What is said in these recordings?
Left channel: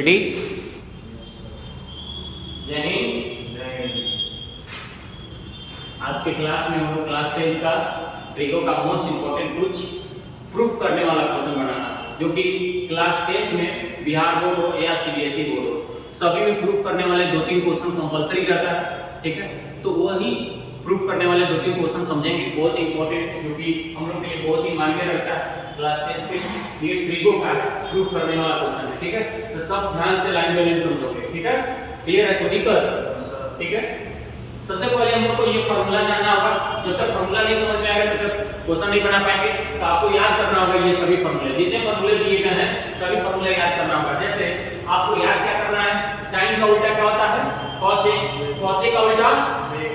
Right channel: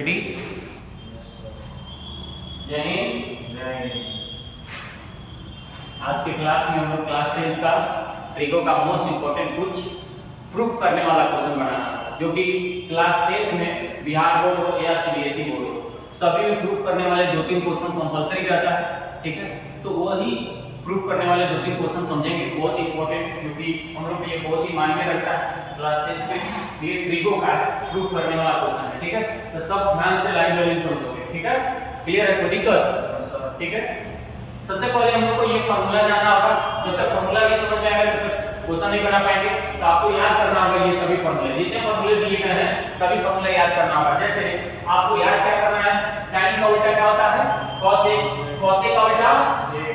Ready? आज के class में हम लोग क्लास 10 का ट्रिगो का मोस्ट इंपोर्टेंट कुछ प्रूफ करने वाला क्वेश्चन बनाना, जो कि क्लास 10 में बिहार बोर्ड हो या सीबीएसई बोर्ड हो, सभी में प्रूफ करने वाले 2-3 क्वेश्चन कंपलसरी रहता है। ठीक है, तो वही प्रूफ करने वाले 2-3 क्वेश्चन समझेंगे, बहुत इंपॉर्टेंट, क्योंकि हम लोग के लिए बहुत ही मायने रखता है। क्लास 10 में ये ट्रिगो का प्रूफ करने वाला क्वेश्चन है। ठीक है, तो सब ध्यान से लाइन बाय लाइन समझोगे। ठीक है, क्लियर है? कोई दिक्कत? ठीक है, सबसे पहले हम लोग को ये फार्मूला जानना होगा। जब तक फार्मूला नहीं समझ में आएगा तब तक क्वेश्चन नहीं बना पाएंगे। तो आपको याद करना होगा ये सभी फार्मूले, जितने फार्मूले दिए गए हैं सभी फार्मूले याद करना होगा। जैसे आपको याद क्या करना है, साइन का उल्टा क्या होता है? cos a, cos a का उल्टा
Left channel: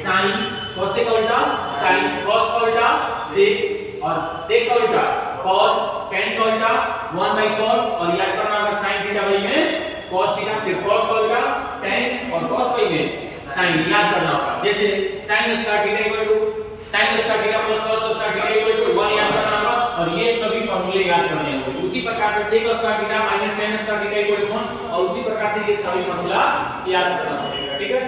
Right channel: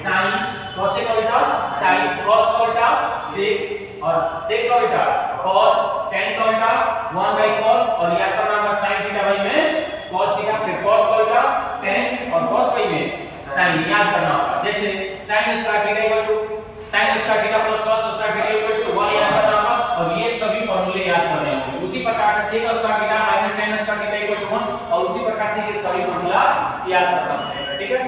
sin, cos a का उल्टा sin, cos का उल्टा sec और sec का उल्टा cos, tan का उल्टा 1/cot और याद करना होगा sin थीटा बाई में cos थीटा, फिर cot का उल्टा tan और cos बाई में sin, याद करना होगा। जैसे sin square theta equal to sin square theta plus cos square theta equal to 1 याद करना होगा, और ये सभी फार्मूले याद करने होंगे। उसी प्रकार से sec square theta minus tan square theta equal to 1, और उसी प्रकार से ये सभी फार्मूला याद करना पड़ेगा। ठीक है,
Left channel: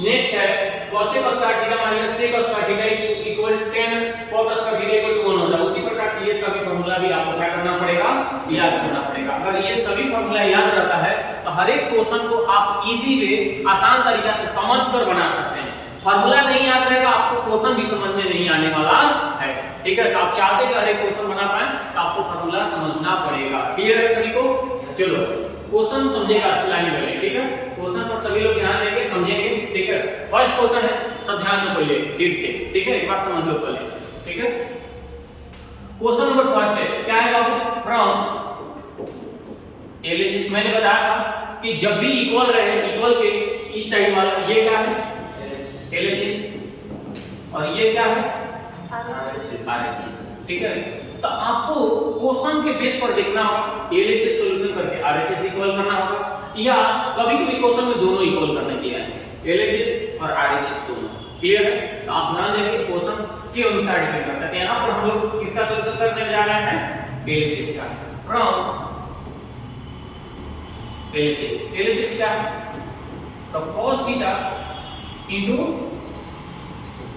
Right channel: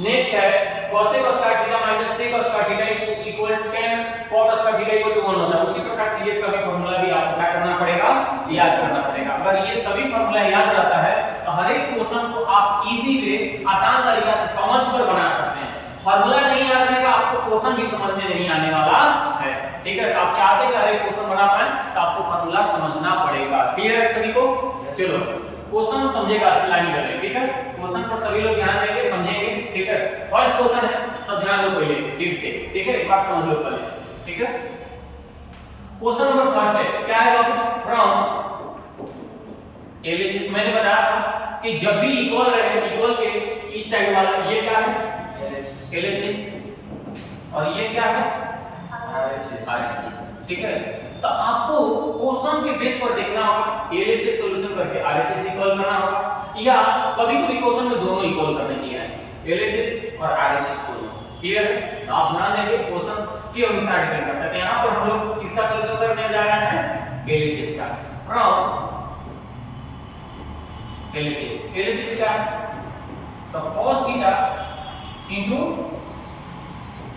नेक्स्ट है cos square theta minus sec square theta equal tan cot square theta equal to 1 होता है। उसी प्रकार से ये सभी फार्मूला भी आपको क्या करना पड़ेगा? याद करना पड़ेगा। अगर ये सभी फार्मूला याद रहता है तो हर एक क्वेश्चन को आप इजीली आसान तरीका से समझकर बना सकते हैं। फार्मूला नहीं याद रहेगा आपको क्वेश्चन भी समझ में नहीं आने वाला है। ठीक है, तो आप चाहते हैं हर एक क्वेश्चन बना पाएं तो आपको फार्मूला समझना पड़ेगा। क्लियर है सभी को? चलो क्वेश्चन समझेगा लाइन बाय लाइन। ठीक है, क्वेश्चन पर सभी लोग ध्यान देंगे, समझेंगे। ठीक है, फर्स्ट क्वेश्चन है, सब ध्यान दो पहले ठीक से। ठीक है, एक बार समझ लो पहले। ठीक है, क्वेश्चन नंबर फर्स्ट है, क्या है बाबू? From LHS. मैंने बताया था कि जब भी इक्वल रहे, इक्वल के इस साइड वाला ये क्या है? एलएचएस, और ये क्या है? आरएचएस। ठीक है, तो आपको क्वेश्चन के बेस पर देखना होगा, एलएचएस सॉल्यूशन करके आरएचएस इक्वल करना होगा, या कभी कभी क्वेश्चन में दोनों इक्वल करने के लिए है, एलएचएस और आरएचएस दोनों। क्लियर है? तो आप ध्यान देंगे क्वेश्चन के अनुसार डिपेंड करता है। यहां पर हम लोग किसका सॉल्यूशन करने जा रहे हैं? एलएचएस का। फ्रॉम एलएचएस, एलएचएस क्या है? तो cos theta into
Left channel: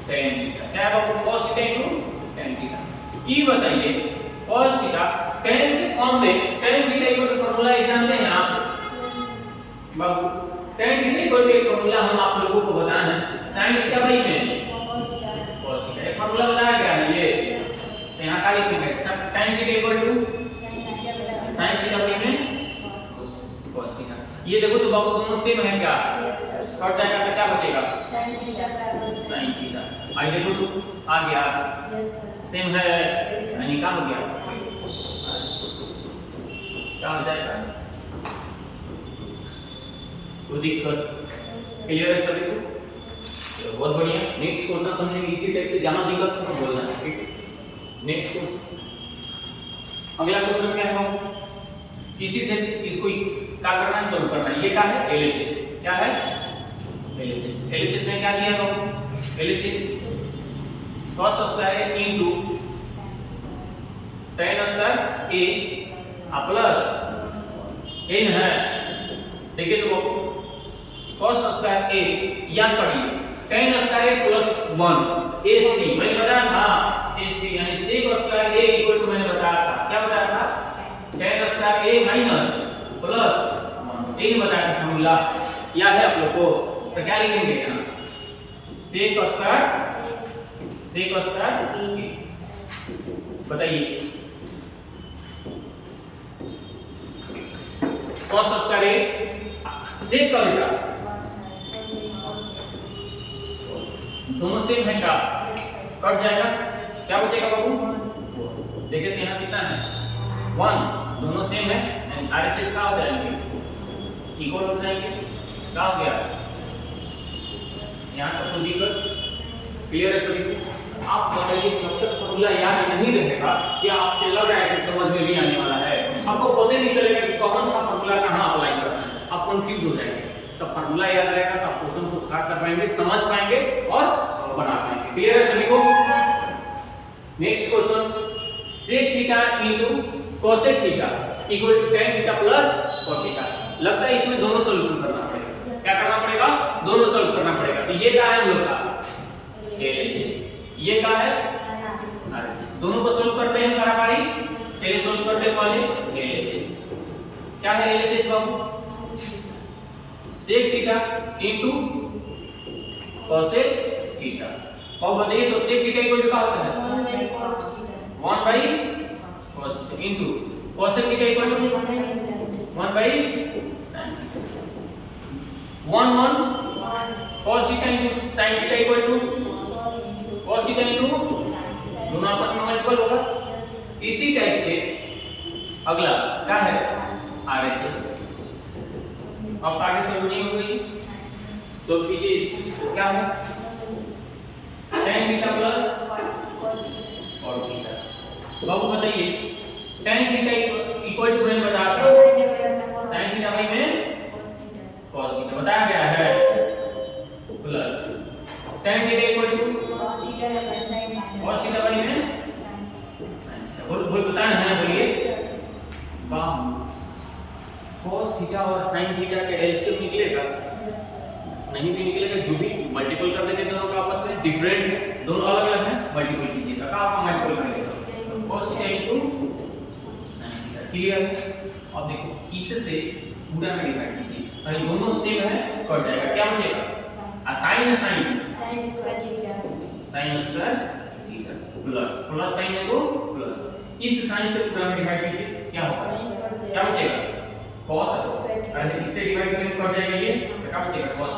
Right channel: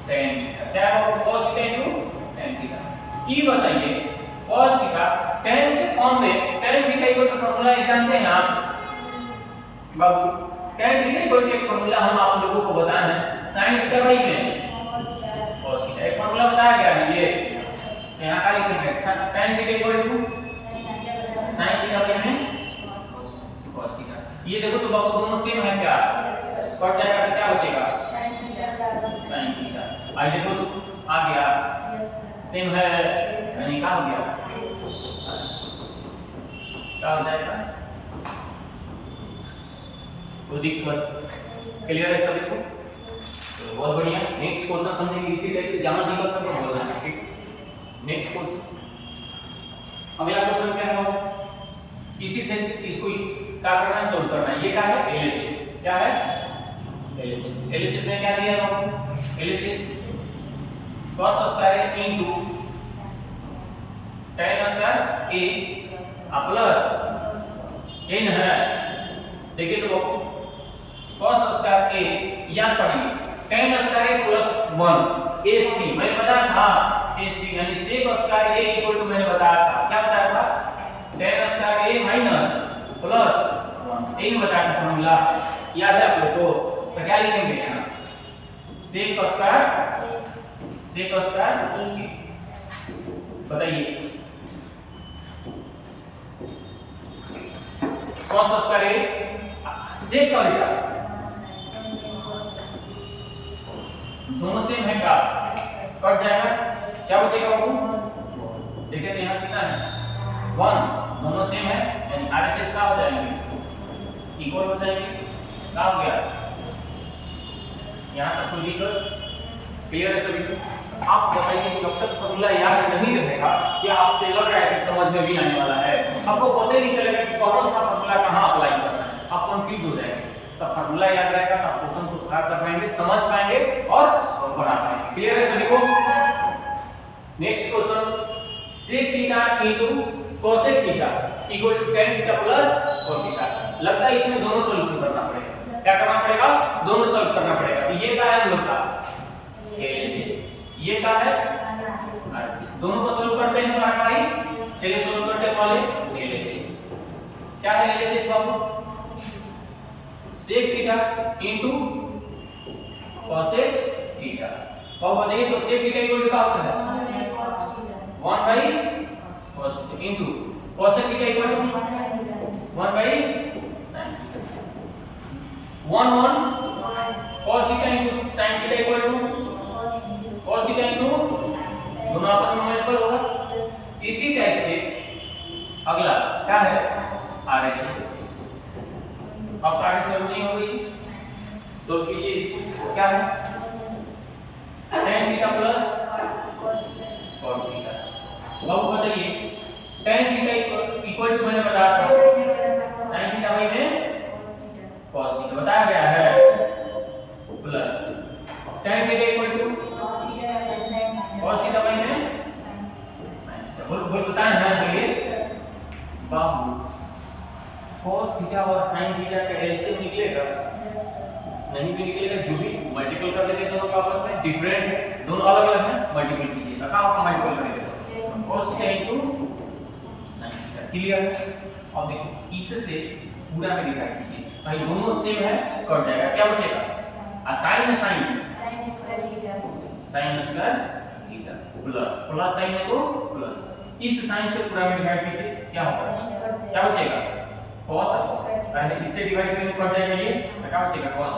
tan theta, क्या है बाबू? cos theta into tan theta. ये बताइए cos थीटा tan के फॉर्म में tan theta equal to formula जानते हैं आप बाबू? tan थीटा इक्वल टू एक फार्मूला हम आप लोगों को बताए हैं, sin थीटा बाई में cos थीटा। एक फार्मूला बताया गया है ये, यहां का लिखेंगे tan theta equal to sin theta by में cos थीटा। ये देखो तो बाबू दोनों सेम है क्या? कट जाएगा तो क्या बचेगा? sin theta. आई देखो तो आ गया, सेम है, यानी क्या हो गया? क्या हो जाएगा? कोई दिक्कत? क्लियर है सभी को? बहुत बढ़िया। नेक्स्ट क्वेश्चन समझेंगे, इसी टाइप से जाना दिक्कत तो बोलना है। ठीक, नेक्स्ट क्वेश्चन, अगला क्वेश्चन क्या है? इसी से इसको क्या करना है? सॉल्व करना है। ये क्या है? एलएचएस। क्या है? एलएचएस। एलएचएस में क्या दिया है? LHS cos square into tan square a plus n है। देखिए तो cos स्क्वायर a याद पढ़िए, tan square a plus 1 st, मैंने बताया था st, यानी sec square a equal to, मैंने बताया था, क्या बताया था? tan square a minus plus 1, यही बताया था फॉर्मूला, याद है आप लोग को? तो क्या लिखेंगे यहाँ? sec स्क्वायर बताइए, cos स्क्वायर sec का उल्टा, दोनों सेम है क्या? कट जाएगा, क्या बचेगा बाबू? देखिए यहाँ कितना है? 1, दोनों सेम है, यानी आरएचएस का हो जाएंगे, इक्वल हो जाएंगे। क्या हो गया? यहाँ तक कोई दिक्कत? क्लियर है सभी को? आप बताइए, जब तक फार्मूला याद नहीं रहेगा, क्या आपसे लग रहा है कि समझ में भी आने वाला है? आपको पता नहीं चलेगा कि कौन सा फार्मूला कहाँ अप्लाई करना है, आप कंफ्यूज हो जाएंगे। तो फार्मूला याद रहेगा तो आप क्वेश्चन को क्या कर पाएंगे? समझ पाएंगे और बना पाएंगे। क्लियर है सभी को? Next question, sec theta into cosec theta equal to tan theta plus cos theta. लगता है इसमें दोनों सॉल्यूशन करना पड़ेगा। क्या करना पड़ेगा? दोनों सॉल्व करना पड़ेगा। तो ये क्या है हम लोग का LHS, ये क्या है RHS। दोनों को सॉल्व करते हैं पारी पहले सॉल्व करते हैं पहले LHS। क्या है LHS बाबू? sec theta into cosec theta. और बताइए तो sec थीटा इक्वल टू क्या होता है? 1 by cos theta into cosec theta equal to 1 by sin theta. 1 cos theta into sin theta equal to cos theta into दोनों आपस में multiple होगा। इसी टाइप से अगला क्या है RHS। अब आगे सॉल्व नहीं हो गई, सॉल्व कीजिए। क्या है tan theta plus cot theta. बाबू बताइए tan थीटा इक्वल टू मैंने बताया था sin थीटा बाई में cos थीटा बताया गया है, plus tan theta equal to cos theta by में sin थीटा। बोल बताया ना, बोलिए। बाबू cos थीटा और sin थीटा का एलसीएम निकलेगा? नहीं भी निकलेगा, जो भी मल्टीपल कर देंगे दोनों का आपस में डिफरेंट है, दोनों अलग अलग हैं, मल्टीपल कीजिएगा। क्या होगा मल्टीपल करेंगे cos theta into sin theta. Clear है? अब देखो इससे पूरा में डिवाइड कीजिए, भाई दोनों सेम है, कट जाएगा। क्या बचेगा? sin है sin square theta plus plus sin है तो प्लस, इस sin से पूरा में डिवाइड कीजिए, क्या होगा? क्या बचेगा? cos। अरे इससे डिवाइड करके कट जाएगा ये, तो क्या बचेगा? cos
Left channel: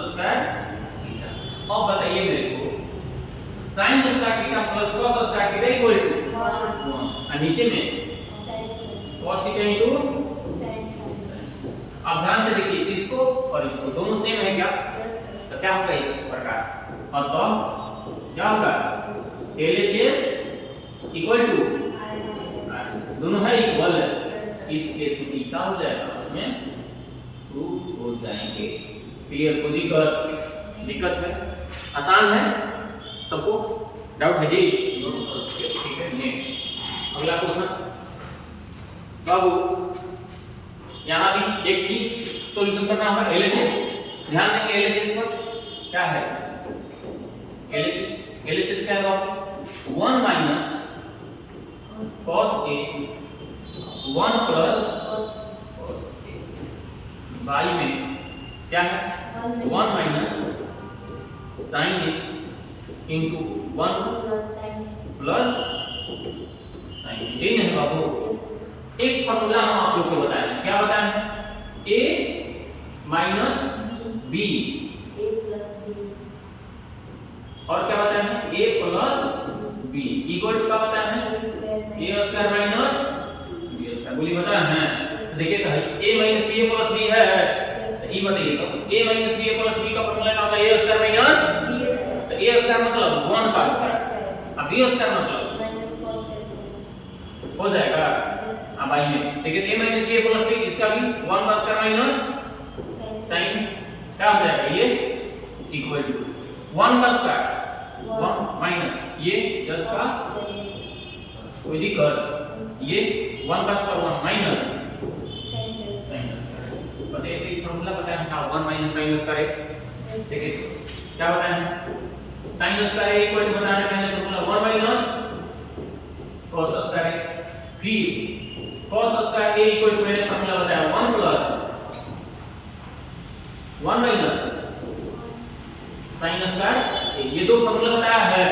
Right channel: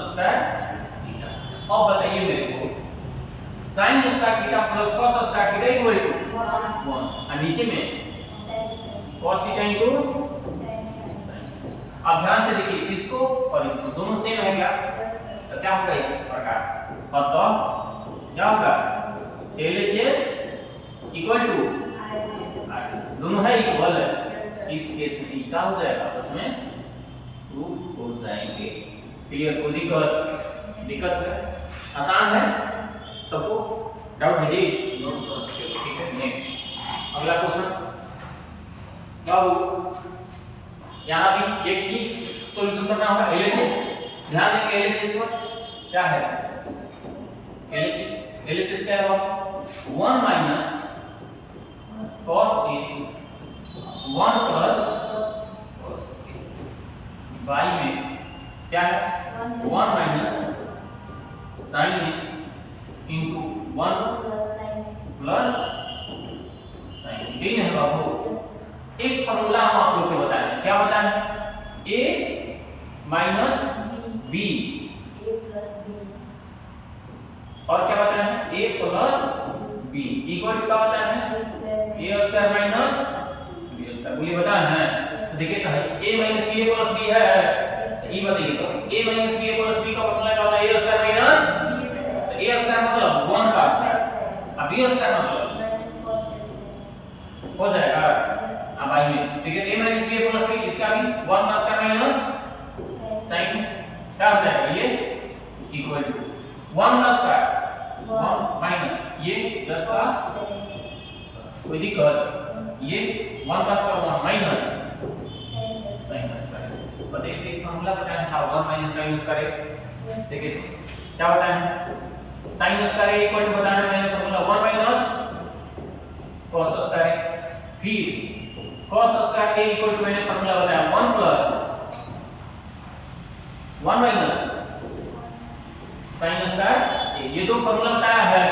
square theta. अब बताइए मेरे को sin square theta plus cos square theta equal to 1 और नीचे में cos थीटा इनटू sin। अब ध्यान से देखिए इसको और इसको, दोनों सेम है क्या? तो क्या होगा इस प्रकार? और तो क्या होगा? LHS इक्वल टू RHS, दोनों है इक्वल है। इस केस में क्या हो जाएगा? उसमें प्रूफ हो जाएंगे। क्लियर? कोई दिक्कत है? आसान है सबको? डाउट है जी? ठीक है। नेक्स्ट अगला क्वेश्चन बाबू, यहाँ भी एक ही सॉल्यूशन करना होगा LHS। ध्यान देंगे LHS पर क्या है? LHS क्या है? 1 minus cos A 1 plus cos A by में क्या है? 1 minus sin A into 1 plus sin A। यही नहीं बाबू, एक फॉर्मूला हम आप लोग को बताएं। क्या बताएं? A माइनस B और क्या बताएं? A plus B equal to क्या होता है? A square minus B square. बोलिए बताएं हैं? देखिए तो है A minus B plus B है, तो ये बताइए तो A minus B plus B का फॉर्मूला क्या होता है? A स्क्वायर माइनस तो A स्क्वायर मतलब 1 का स्क्वायर, अब B स्क्वायर मतलब माइनस cos हो जाएगा। अब आइए देखिए A minus B plus B, इसका भी 1 का स्क्वायर माइनस sin क्या हो जाएगा? ये इक्वल टू 1 का स्क्वायर 1 माइनस ये 10 का, कोई दिक्कत? ये 1 का स्क्वायर 1 माइनस sin स्क्वायर। बताइए एक फार्मूला बताएं था 1 माइनस sin स्क्वायर। देखिए क्या बताएं? sin स्क्वायर इक्वल टू बताना है मैंने फार्मूला 1 माइनस cos स्क्वायर, फिर cos square a equal to मैंने फार्मूला बताया 1 प्लस 1 माइनस sin स्क्वायर। ये दो फार्मूला बताया है,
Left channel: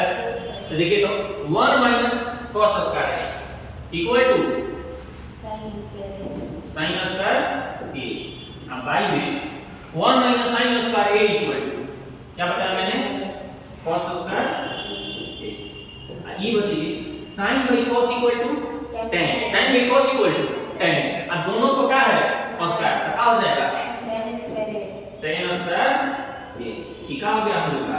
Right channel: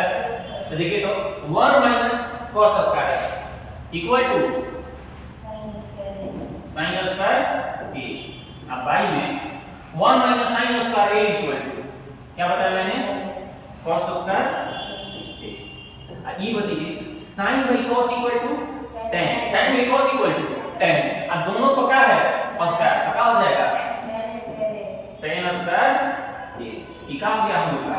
तो देखिए तो 1 minus cos square equal to sin square a। अब बाई में 1 minus sin square a equal to क्या बताया मैंने? cos square a। ये बताइए sin by cos equal to tan, sin by cos equal to tan। अब दोनों को क्या है? स्क्वायर, तो क्या हो जाएगा? tan square a। क्या हो गया हम लोग का?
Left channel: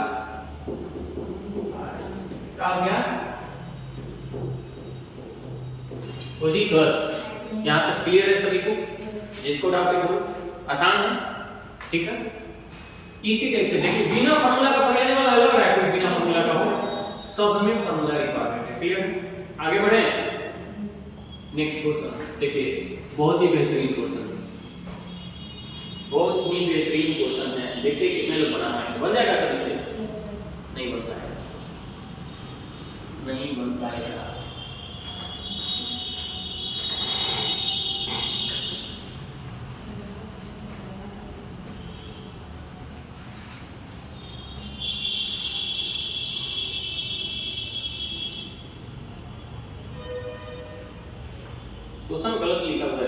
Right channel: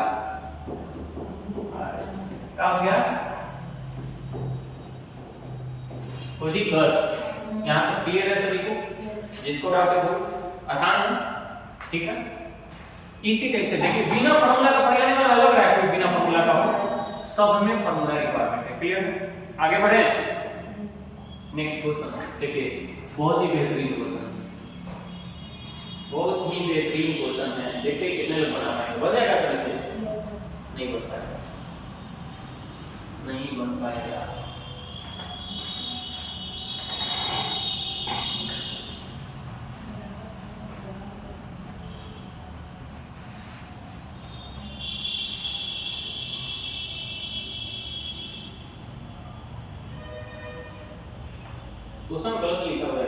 क्या हो गया? कोई दिक्कत? यहाँ तक क्लियर है सभी को? जिसको डाउट है वो आसान है, ठीक है। इसी टाइप से देखिए बिना फार्मूला का पकड़ने वाला अलग रहा है, कोई बिना फार्मूला का हो, सब में फार्मूला रिक्वायरमेंट है। क्लियर? आगे बढ़े नेक्स्ट क्वेश्चन देखिए, बहुत ही बेहतरीन क्वेश्चन, बहुत ही बेहतरीन क्वेश्चन है। देखते कितने लोग बनाना है, बन जाएगा सर इसे? नहीं बन पाएगा, नहीं बन पाएगा। क्वेश्चन गलत लिखा हुआ है,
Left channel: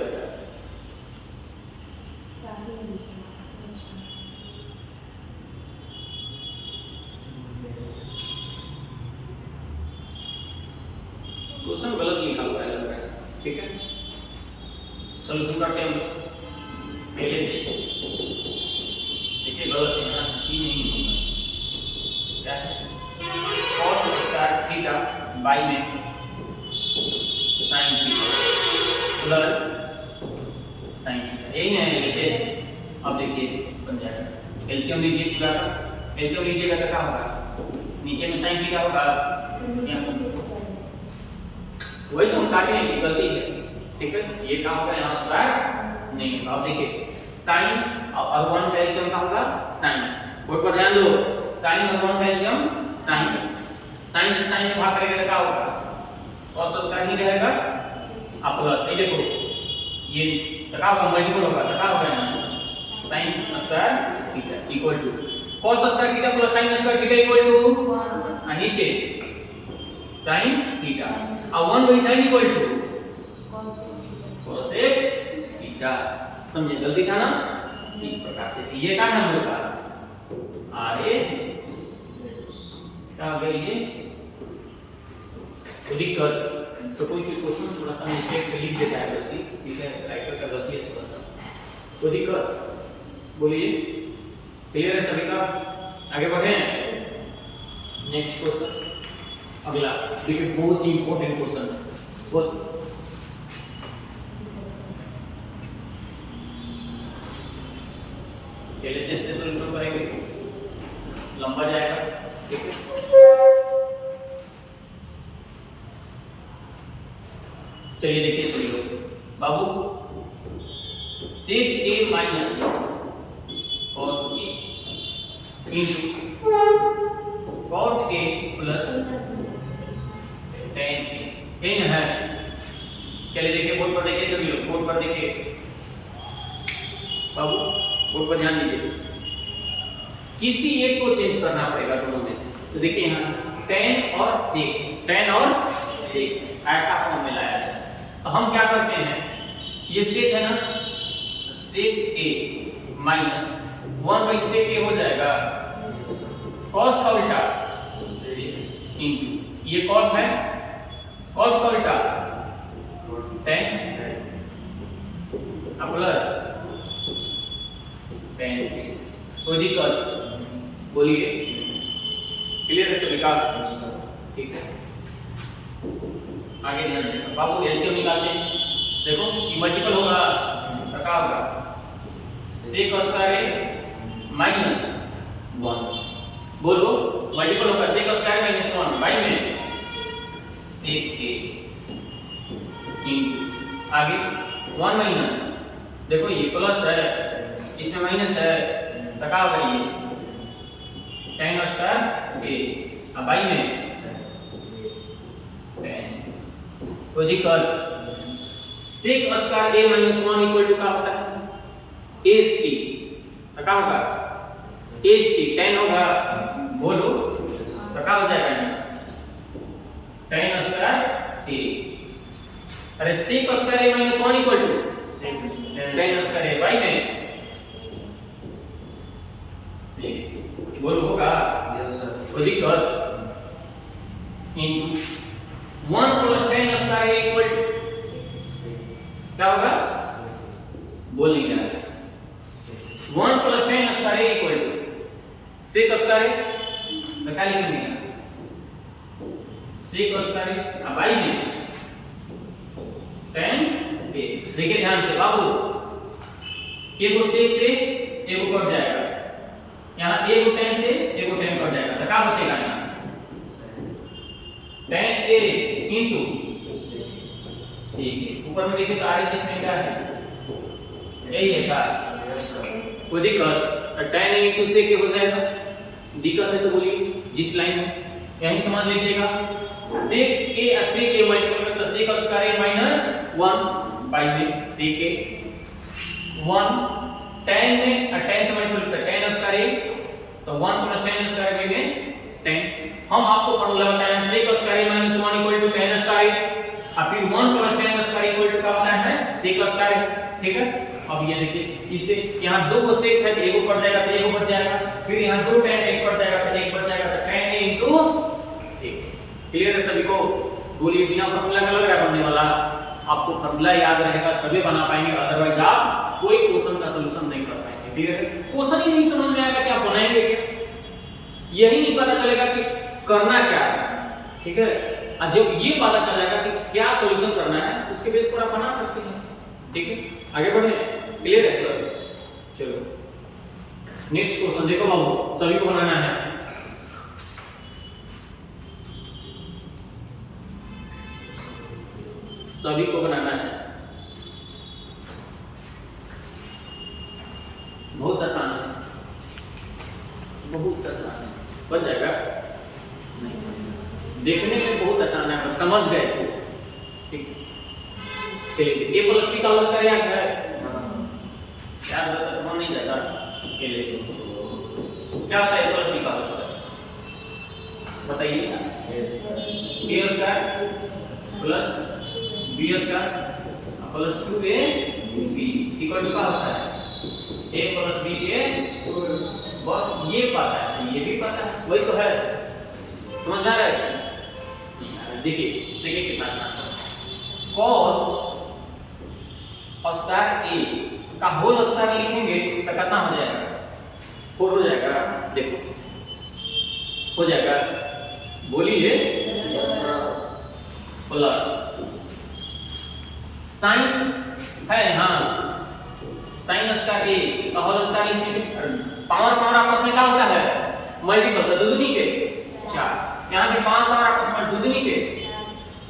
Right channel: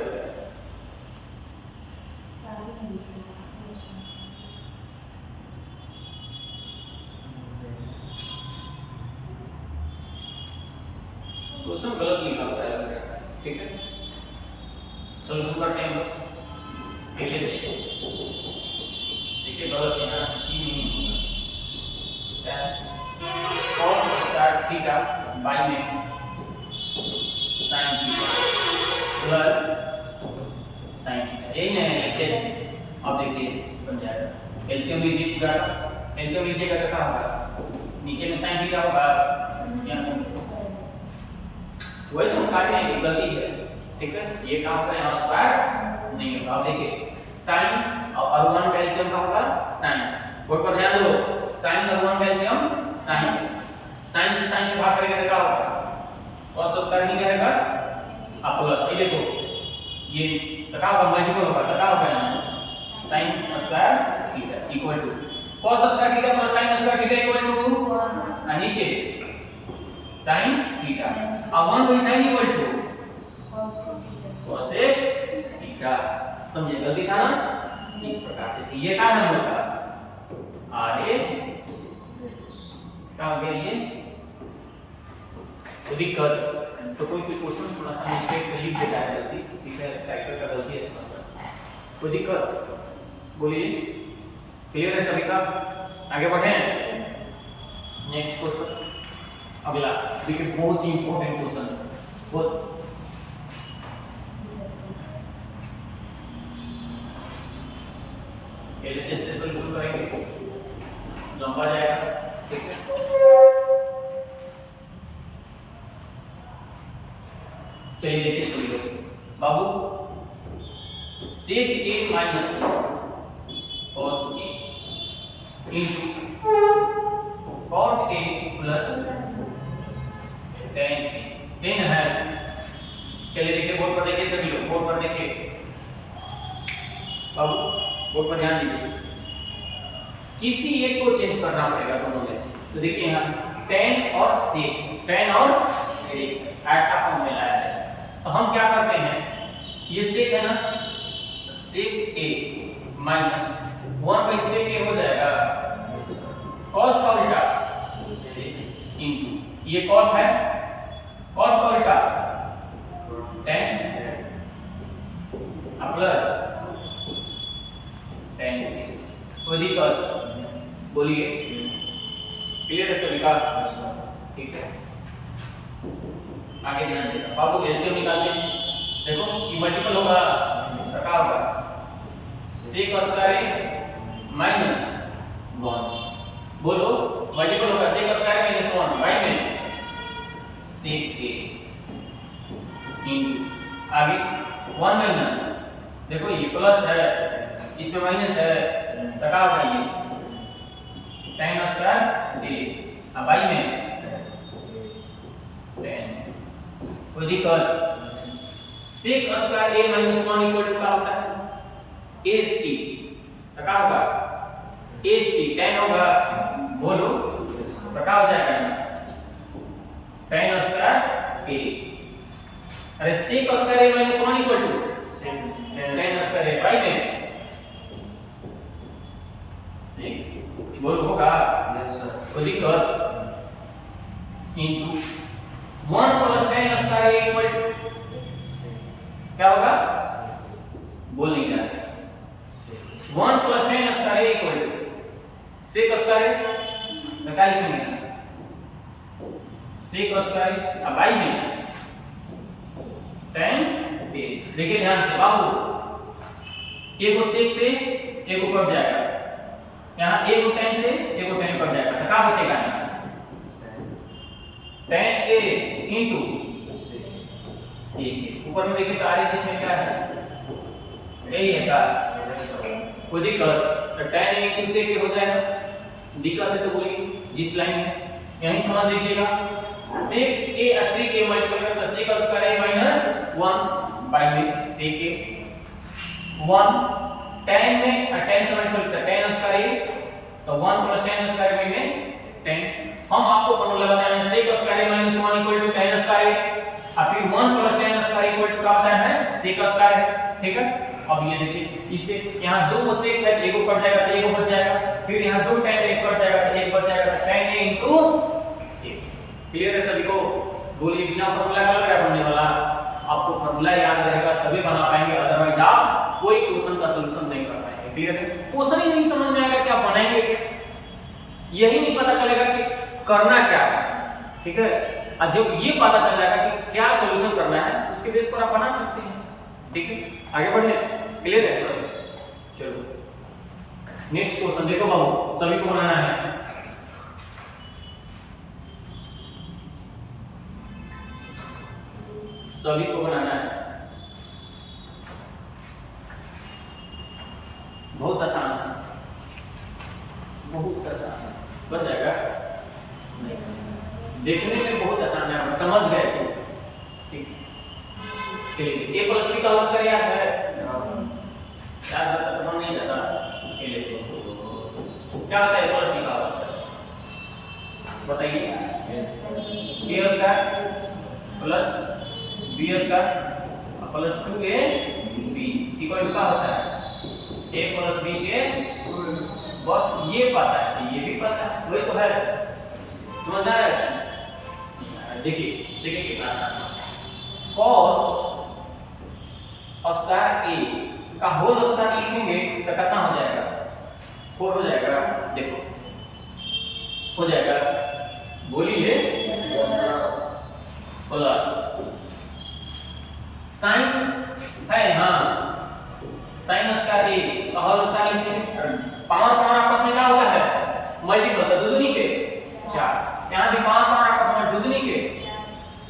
क्वेश्चन गलत लिखा हुआ है, ठीक है। सॉल्यूशन करते हैं हम लोग पहले जैसे, देखिए गलत है ना, ही नहीं होगा। क्या है? cos स्क्वायर थीटा बाई में sin theta plus sin theta, यही है एचएस। अब देखिए बन जाएगा, एलसीएम लीजिए पूरा का, एलसीएम लीजिएगा तो क्या होगा, नीचे में sin थीटा होगा, वही हम काटे हैं, गलती है, ठीक है। ये काम होगा यहाँ स्क्वायर नहीं। अब देखिए sin और 1 का एलसीएम क्या होगा, sin। बोर्ड पर ध्यान दो, sin और 1 का एलसीएम sin, sin से sin में भाग करेंगे तो क्या होगा, cos स्क्वायर नहीं रहेगा, अब प्लस ये देखो, ये क्या होगा, मल्टीपल होगा तो क्या होगा यहाँ sin square theta equal to cos square theta plus sin square theta equal to नीचे sin थीटा, अब 1 by sin equal to cos theta. समझे, गलती था ना, इस प्रकार से ये क्या नाम होता आर ए, क्या हो गया ये तो दिक्कत। तो कोई क्वेश्चन थोड़ा सा मिस्टेक से लिख देता है गलती, ठीक है, राइटर का गलती है थोड़ा सा, कोई दिक्कत बोलिए, क्लियर है सभी का? आगे बढ़े, नेक्स्ट क्वेश्चन अगला देखिए, बहुत ही इंपॉर्टेंट क्वेश्चन, बहुत पहले से सॉल्यूशन करेंगे, लंबा जाएगा, ठीक है। चलिए देखिए solution Babu, sec a minus cos a into cot a plus tan a है। चलिए देखिए बोर्ड पर देखिए सभी लोग, बोर्ड पर देखिए बाबू, बोर्ड पर ध्यान दीजिए, किसी एक को चेंज करना पड़ेगा दोनों में से। तो देखिए यहाँ tan और sec, tan और sec ऐसा फॉर्म में लाया है, तो हम क्या करते हैं, ये sec है ना, sec a minus 1 by sec a हो जाएगा, cos का उल्टा इनटू ये cot है, cot का उल्टा tan प्लस tan a। कोई दिक्कत बोलिए, क्लियर है सभी का? ठीक है, आगे ध्यान देना बाबू, एलसीएम निकालते हैं। देखो ये मल्टीपल होगा तो क्या होगा, sec स्क्वायर माइनस 1, बोलो मल्टीपल होगा, sec स्क्वायर माइनस 1 बाई में sec a इनटू आगे 1 माइनस, देखो ये प्लस है, इसमें माइनस है तो क्या होगा, ये tan स्क्वायर a, अब बाई में tan। कोई दिक्कत, sec square a minus 1 equal to क्या होता है, st, तो क्या होगा st, tan होगा, बोलो तो क्या हो जाएगा, tan स्क्वायर a, अरे sec square a minus 1 equal to tan square a by में sec, बोलो होगा, यस सर, कोई दिक्कत, into 1 plus tan square a equal to क्या होगा, बोल नहीं रहा, 1 plus tan square a equal to sec square a, क्या लिखेंगे, sec स्क्वायर a, अब बाई में tan a। देखिए ध्यान से बाबू, एक को sec से एक को कट जाएगा, यहाँ एक को tan से एक को tan कट जाएगा, तो क्या बचेगा, tan a into sec a। ऊपर में देखिए तो RHS में क्या है, यही है का कोई दिक्कत, tan A into sec A हो जाएगा, दिक्कत है तो बोलिए जिस लाइन में यहीं समझ लीजिएगा, sec A sec A multiply तो sec square A minus 1 by में sec A 1 tan में tan से मल्टीप्लाई तो tan स्क्वायर A तो 1 प्लस tan स्क्वायर A में tan, हम आपको फॉर्मूला बताए हैं sec square A minus 1 equal to tan square A, और फिर 1 plus tan square equal to क्या होता है sec स्क्वायर A, ठीक है। अब ये देखिए इससे यहाँ दो को sec है तो एक कट जाएगा तो एक बच जाएगा, फिर यहाँ दो tan एक कट जाएगा तो एक बच जाएगा, तो tan A into sec, clear है सभी को। बोलिए बिना फॉर्मूला का लग रहा है बनने वाला, आपको फॉर्मूला याद रहेगा तभी बना पाएंगे, अदरवाइज आप कोई क्वेश्चन का सॉल्यूशन नहीं कर पाएंगे, क्लियर है। क्वेश्चन ही नहीं समझ में आएगा क्या बनाएंगे, यही नहीं पता चलेगा कि करना क्या है, ठीक है। और जब ये पता चल जाएगा कि क्या सॉल्यूशन करना है उसके बेस पर आप बना सकते हैं, ठीक है। आगे बढ़े, क्लियर है सर। चलो नेक्स्ट क्वेश्चन देखो बाबू, सभी को बनाना है। सभी को बनाना है, बहुत आसान है, बहुत आसान है, बन जाएगा नहीं, देखने में बहुत आसान है पर समझ गए तो ठीक। चलिए a प्लस b का होल स्क्वायर याद है, याद रहता तो बन नहीं जाता, ये ले लो क्या होता है a प्लस b का होल स्क्वायर बताइए, a square plus b square plus 2ab equal to क्या होता है a प्लस b के, बस ये पता है, ये भी पता है, वही तो है, समझ आ रहा है। देखिए देखिए कितना आसान है, cos स्क्वायर a का होल स्क्वायर लिखेंगे तो कितना हो जाएगा 4 हो जाएगा, देखो हो जाएगा, बोलिए प्लस साइन है, हाँ साइन स्क्वायर a का होल स्क्वायर लिखेंगे, पावर पावर आपस में क्या होता है मल्टीपल, तो दुगनी के 4, यहाँ भी पावर पावर आपस में दुगनी के,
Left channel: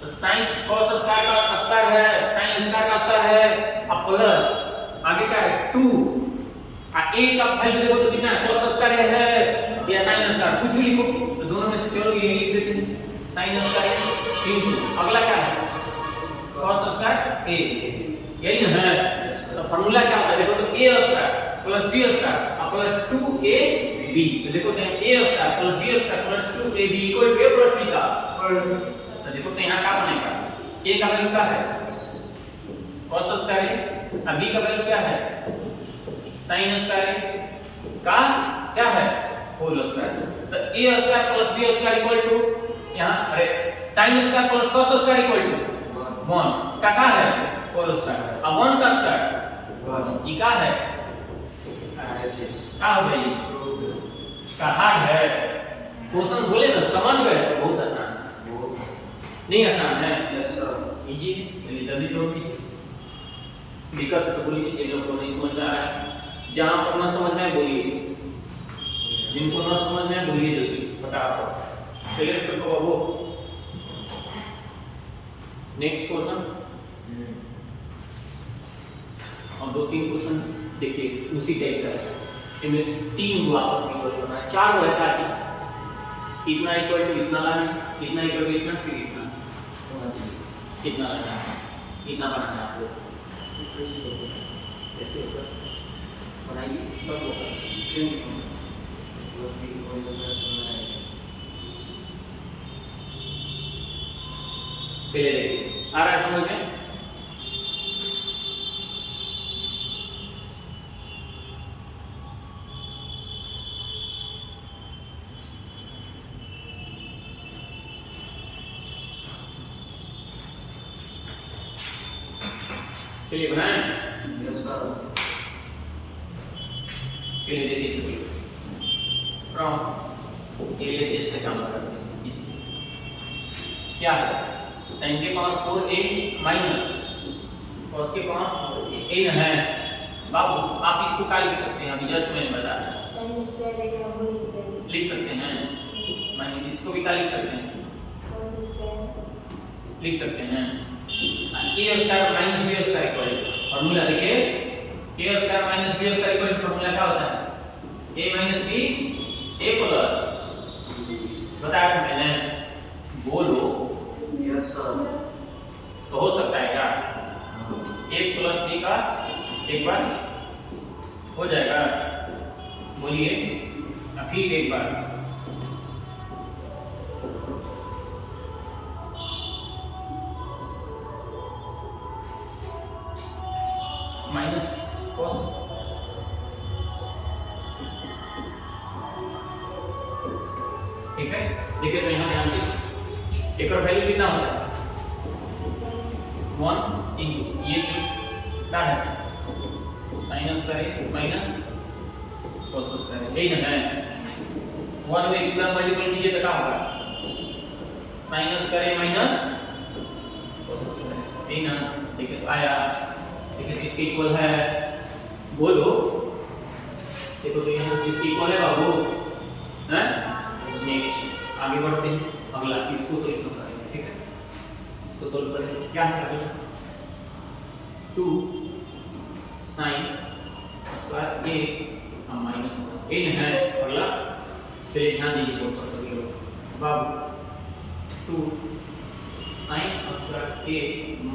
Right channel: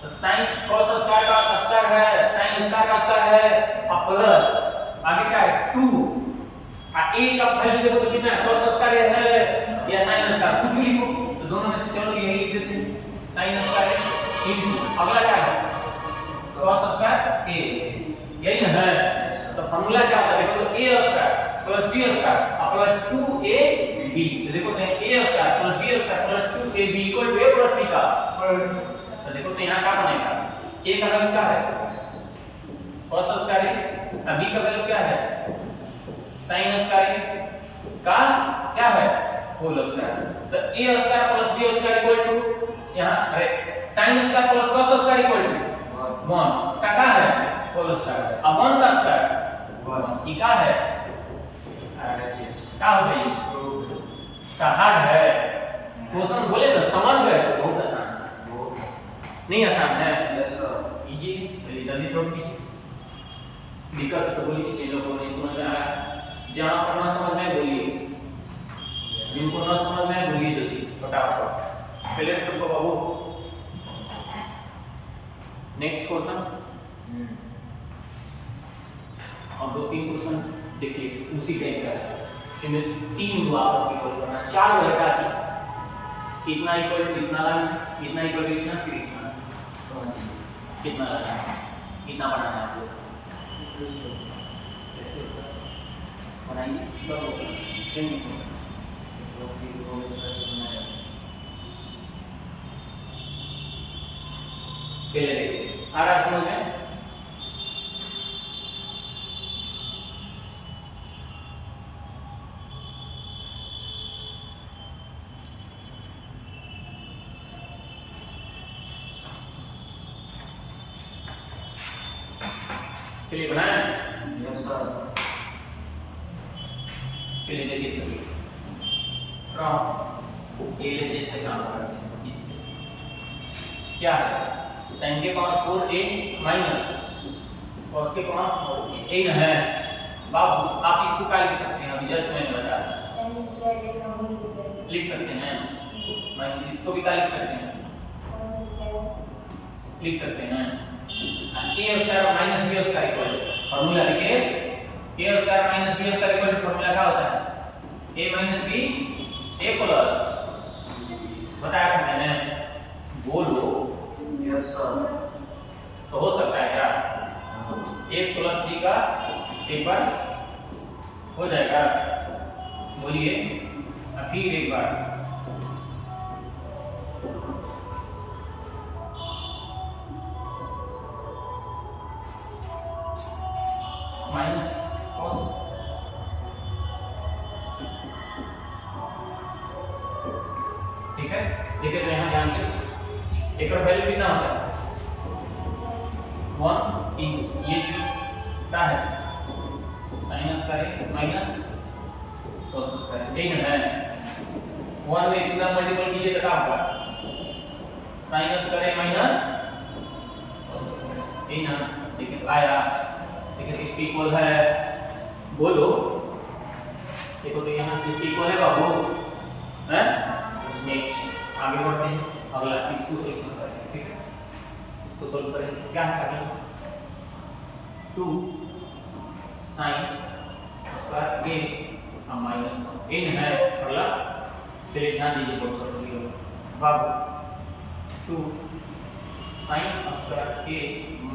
तो sin cos स्क्वायर का स्क्वायर है, sin स्क्वायर का स्क्वायर है, अब प्लस आगे क्या है 2, और a का वैल्यू देखो तो कितना है cos स्क्वायर है या sin स्क्वायर, कुछ भी लिखो तो दोनों में से चलो यही लिख देते हैं sin स्क्वायर इनटू अगला क्या है cos स्क्वायर a, यही ना है। तो फार्मूला क्या होता है देखो तो a square plus b square plus 2ab, तो देखो तो a square plus b square plus 2ab equal to a plus b का, तो देखो तो यहाँ क्या बनेगा, a का वैल्यू क्या है cos स्क्वायर है, b का वैल्यू क्या है sin स्क्वायर का क्या है होल स्क्वायर, तो a square plus b square equal to यहाँ sin square plus cos square equal to 1 का क्या है होल स्क्वायर, अब 1 का स्क्वायर ये क्या है क्या हो गई का हार्ड है, क्वेश्चन बोले तो समझ गए तो बहुत आसान, नहीं आसान है, यस सर इजी, चलिए जल्दी ड्रॉप कीजिए, दिक्कत है तो बोलिए, जिन लोगों को नहीं समझ में आ रहा है, जहां पर ना समझ में आए बोलिए, जिनको ना समझ में आए बोलिए जल्दी फटाफट, क्लियर सबको बाबू। नेक्स्ट क्वेश्चन, और 2-3 क्वेश्चन देखिए उसी टाइप का है, इनमें 3 दो आपस में इक्वल करना है, 4 दो है क्या चीज, इतना इक्वल टू इतना लाना, इतना इक्वल टू इतना, फिर इतना, समझ लीजिए कितना लाना है, इतना बनाना है आपको, कैसे होगा बनाइए सब होगा सेम होगा, चलिए देखिए आ रहा है समझ में, चलिए बनाए, यस सर, चलिए देखिए चलिए LHS से काम करते हैं, इससे क्या है sin के पावर 4a माइनस cos के पावर a है, बाबू आप इसको क्या लिख सकते हैं, अभी जस्ट मैंने बताया लिख सकते हैं, माइनस इसको भी क्या लिख सकते हैं लिख सकते हैं, a square minus b square equal formula देखिए a square minus b square equal formula क्या होता है a minus b a plus बताया था मैंने बोलो यस सर। तो हो सकता है क्या a प्लस बी का एक बार हो जाएगा बोलिए फिर एक बार माइनस कॉस ठीक है देखिए तो यहाँ ध्यान दीजिए एक और वैल्यू कितना होता है 1 इंटू ये क्या है साइनस करे माइनस कोसस करे यही ना है 1 में पूरा मल्टीपल कीजिए तो क्या होगा साइनस करे माइनस कोसस करे यही ना देखिए तो आया देखिए तो इसके इक्वल है बोलो देखो तो यहाँ इसके इक्वल है बाबू हैं नेक्स्ट आगे बढ़ते हैं अगला इसको सोल्व करेंगे ठीक है इसको सोल्व करेंगे क्या है अगला 2 sin स्क्वायर a माइनस 1 इन है अगला चलिए ध्यान दीजिए बोर्ड पर सभी लोग बाबू 2 sin स्क्वायर a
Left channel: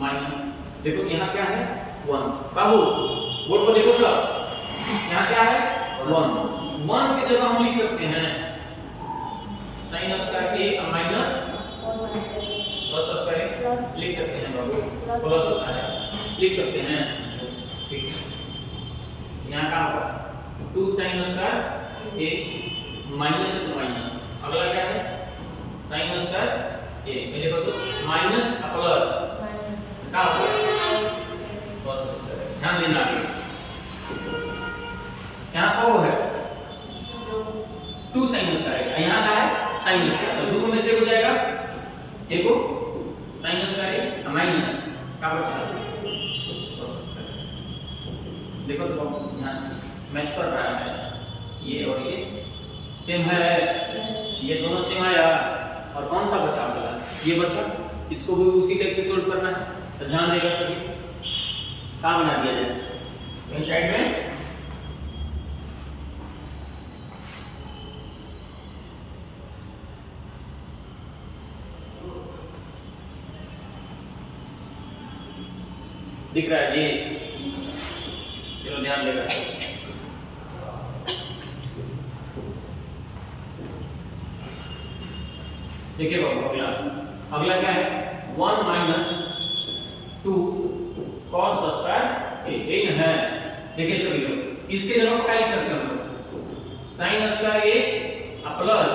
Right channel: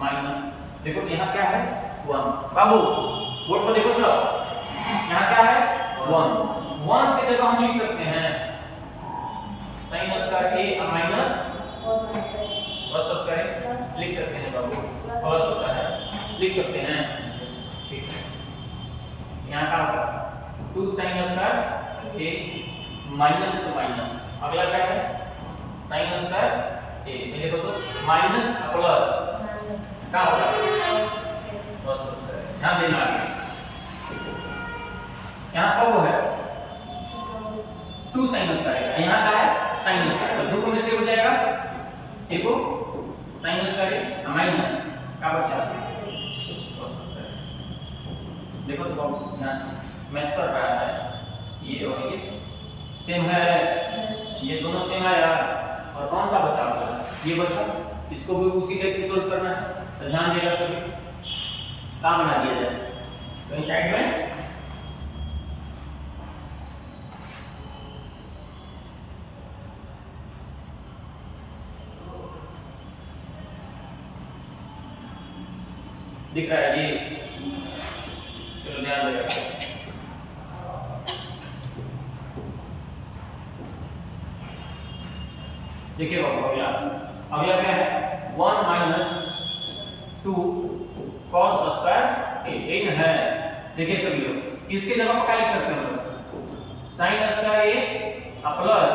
माइनस देखो यहाँ क्या है 1 बाबू बोर्ड पर देखो सब यहाँ क्या है 1 1 की जगह हम लिख सकते हैं sin square a minus plus square लिख सकते हैं बाबू प्लस स्क्वायर लिख सकते हैं ठीक है यहाँ का होगा 2 sin स्क्वायर a माइनस तो माइनस अगला क्या है sin स्क्वायर a ये देखो तो माइनस प्लस क्या होगा प्लस स्क्वायर ध्यान देना आगे यहाँ कब है 2 sin स्क्वायर यहाँ का है sin स्क्वायर दो में से हो जाएगा एक को sin स्क्वायर माइनस का बचा देखो तो ध्यान से मैच कर रहा है ये और ये सेम है ये दोनों सेम आया और कौन सा बचा अगला ये बचा इसको भी उसी टाइप से सोल्व करना है तो ध्यान देगा सभी कहाँ बना दिया जाए तो इस साइड में दिख रहा है ये चलो ध्यान देगा देखिए बाबू अगला अगला क्या है 1 माइनस 2 cos स्क्वायर a इन है देखिए सभी लोग इसके जगह पर क्या लिख सकते हैं हम sin square a plus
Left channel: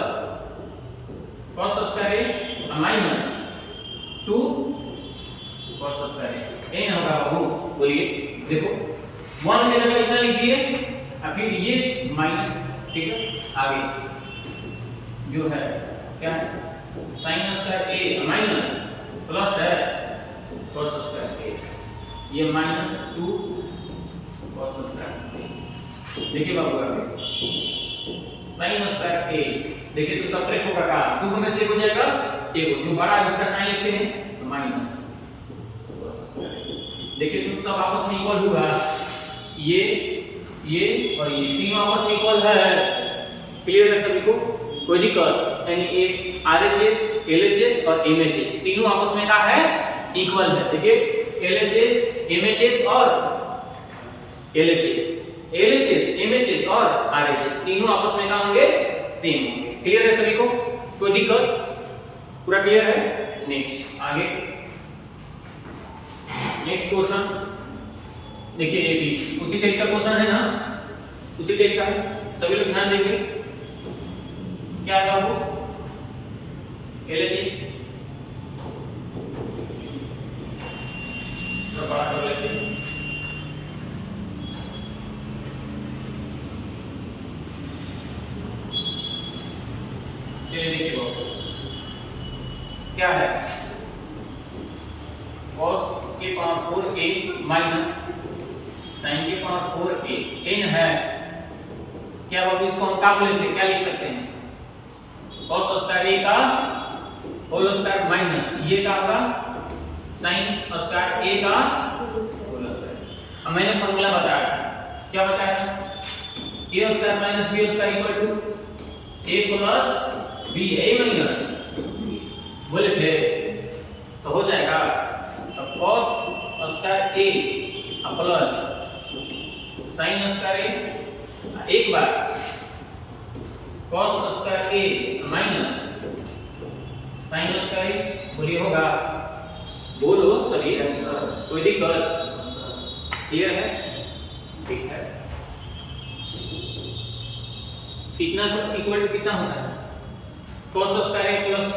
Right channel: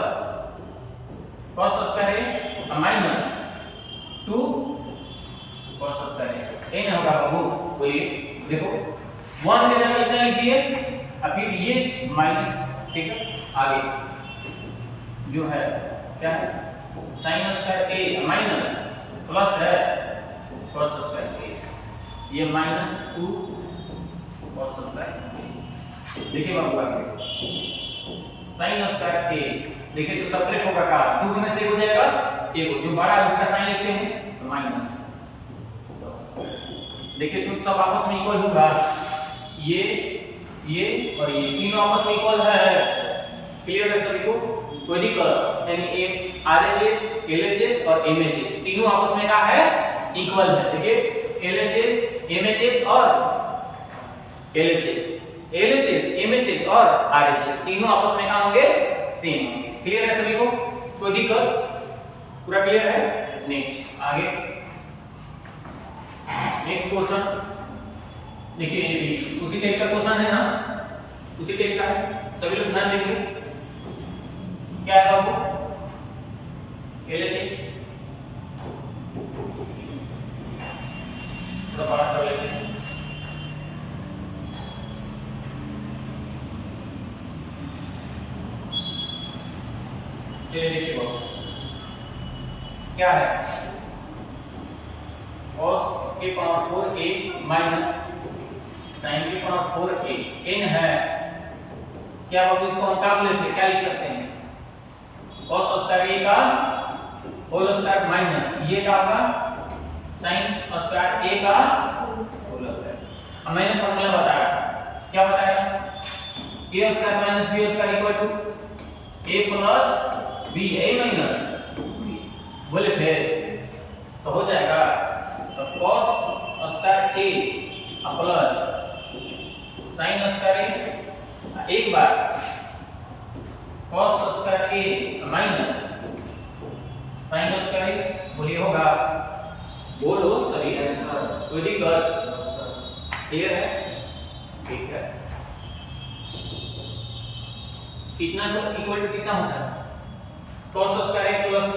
cos square a minus 2 cos square a इन होगा बाबू बोलिए देखो 1 की जगह इतना लिख दिए और फिर ये माइनस ठीक है आगे जो है क्या है sin square a minus plus है cos स्क्वायर a ये माइनस 2 cos स्क्वायर देखिए बाबू आगे sin स्क्वायर a देखिए तो सबट्रैक्ट होगा क्या 2 में से हो जाएगा a को जो बड़ा है उसका साइन लिखते हैं तो माइनस cos स्क्वायर देखिए तो सब आपस में इक्वल होगा ये और ये तीनों आपस में इक्वल है क्लियर है सभी को कोई दिक्कत यानी एक RHS LHS और MHS तीनों आपस में क्या है इक्वल है देखिए LHS MHS और LHS MHS और RHS तीनों आपस में क्या होंगे सेम होंगे क्लियर है सभी को कोई दिक्कत पूरा क्लियर है नेक्स्ट आगे नेक्स्ट क्वेश्चन देखिए ये भी उसी टाइप का क्वेश्चन है ना उसी टाइप का है सभी लोग ध्यान देंगे क्या है बाबू LHS प्रकार कर लेते हैं चलिए देखिए बाबू क्या है cos के पावर 4a माइनस sin के पावर 4a n है क्या बाबू इसको हम क्या बोले थे क्या लिख सकते हैं cos स्क्वायर a का होल स्क्वायर माइनस ये क्या होगा साइन स्क्वायर ए का होल स्क्वायर। अब मैंने फॉर्मूला बताया, क्या बताया? A square minus b square equal to a plus b a minus b, बोले थे तो हो जाएगा। तो cos square A plus sine square a, एक बार cos square a minus sine square a, बोलिए होगा? बोलो सभी। Yes, sir. Very good, Yes, sir. Clear है? ठीक है। कितना तो इक्वल टू कितना होता है? cos square A plus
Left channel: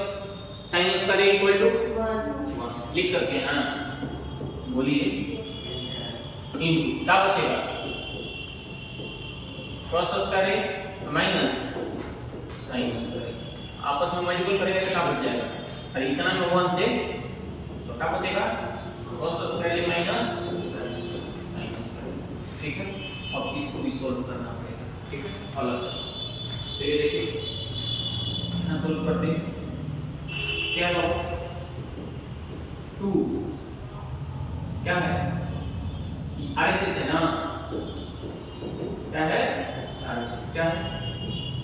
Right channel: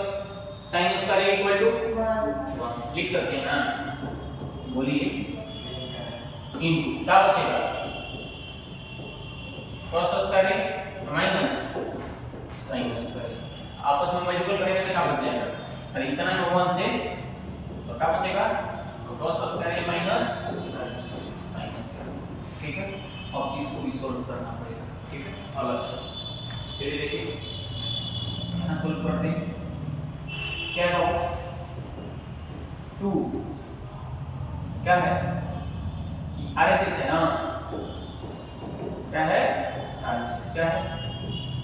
sine square A equal to 1 लिख सकते हैं ना? बोलिए। इन क्या बचेगा? cos square a minus sine square ए, आपस में मल्टीपल करेंगे तो क्या बच जाएगा? और इतना में 1 से तो क्या बचेगा? cos square a minus sine square, ठीक है? अब इसको भी सॉल्व करना पड़ेगा, ठीक है, अलग से। चलिए देखिए यहाँ सॉल्व करते हैं। क्या होगा? 2 क्या है? RHS है ना? क्या है? RHS क्या है?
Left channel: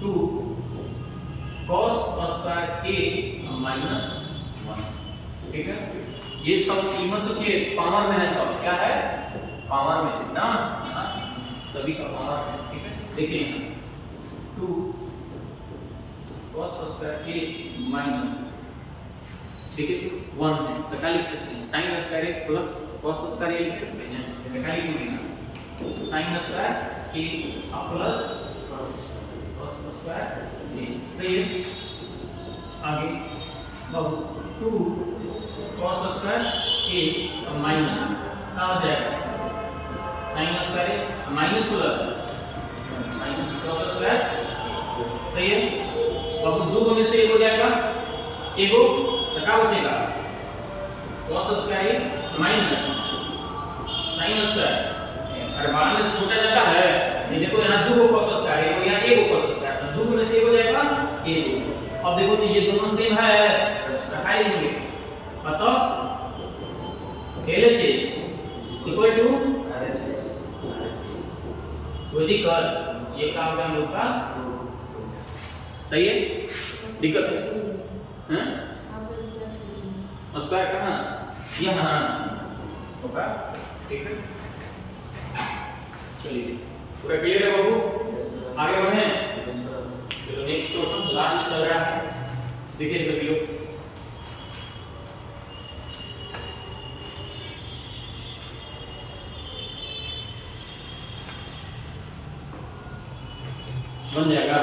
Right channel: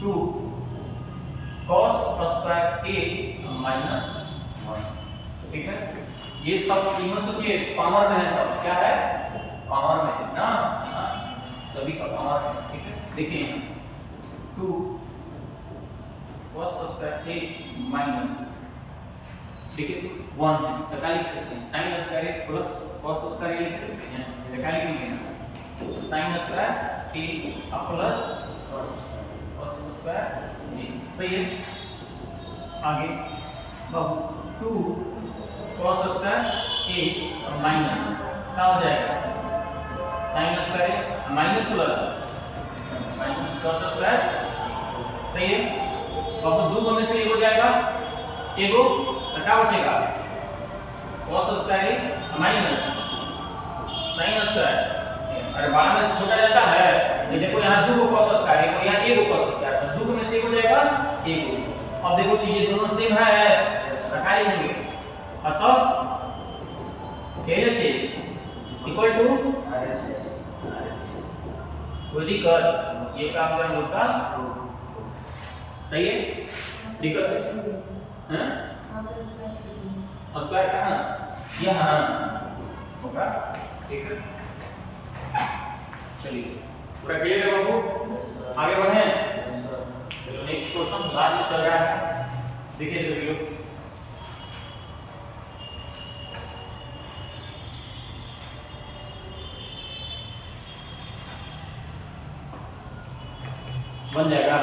2 cos स्क्वायर a माइनस 1, ठीक है? ये सब कीमत सोचिए पावर में है, सब क्या है? पावर में है ना, यहाँ सभी का पावर है, ठीक है? देखिए 2 cos स्क्वायर a माइनस, देखिए 1 है तो क्या लिख सकते हैं? Sine square a plus cos square a लिख सकते हैं, तो क्या लिखेंगे? Sine square a plus cos square a, सही है? आगे अब 2 cos स्क्वायर a माइनस क्या हो जाएगा? Sine square a minus plus minus cos square, सही है? अब दो में से एक हो जाएगा, एक हो तो क्या बचेगा? cos square a minus sine square, अरे 12 में से छोटा जाता है, ये देखो यहाँ 2 cos स्क्वायर है, यहाँ 1 cos स्क्वायर, तो 2 में से एक हो जाएगा 1। अब देखो तो ये दोनों सेम है, रखा लेंगे, अतः LHS इक्वल टू RHS. कोई दिक्कत? ये काम का हम लोग का सही है? दिक्कत है? हैं? स्क्वायर कहाँ? यहाँ होगा, ठीक है? चलिए पूरा क्लियर है बाबू? आगे बढ़े? Yes, sir. चलो नेक्स्ट क्वेश्चन लास्ट में चल रहा है, देखिए सभी लोग। बन जाएगा,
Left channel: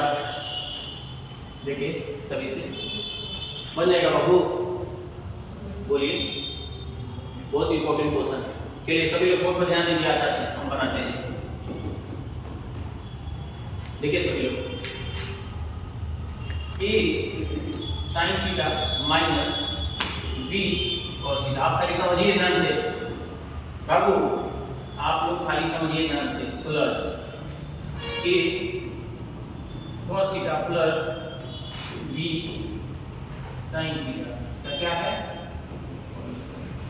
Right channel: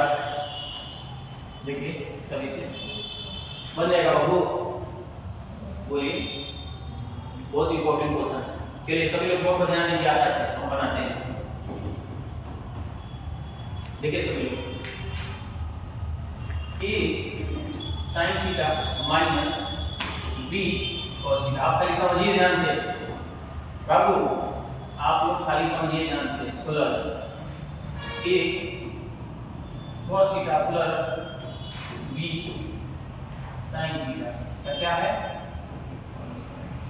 देखिए सभी से बन जाएगा बाबू, बोलिए। बहुत इंपॉर्टेंट क्वेश्चन है, चलिए सभी लोग बहुत ध्यान दीजिए, आता से हम बनाते हैं। देखिए सभी लोग, a sin theta minus b cos theta, आप खाली समझिए ध्यान से बाबू, आप लोग खाली समझिए ध्यान से, plus a cos theta plus b sin theta का क्या है?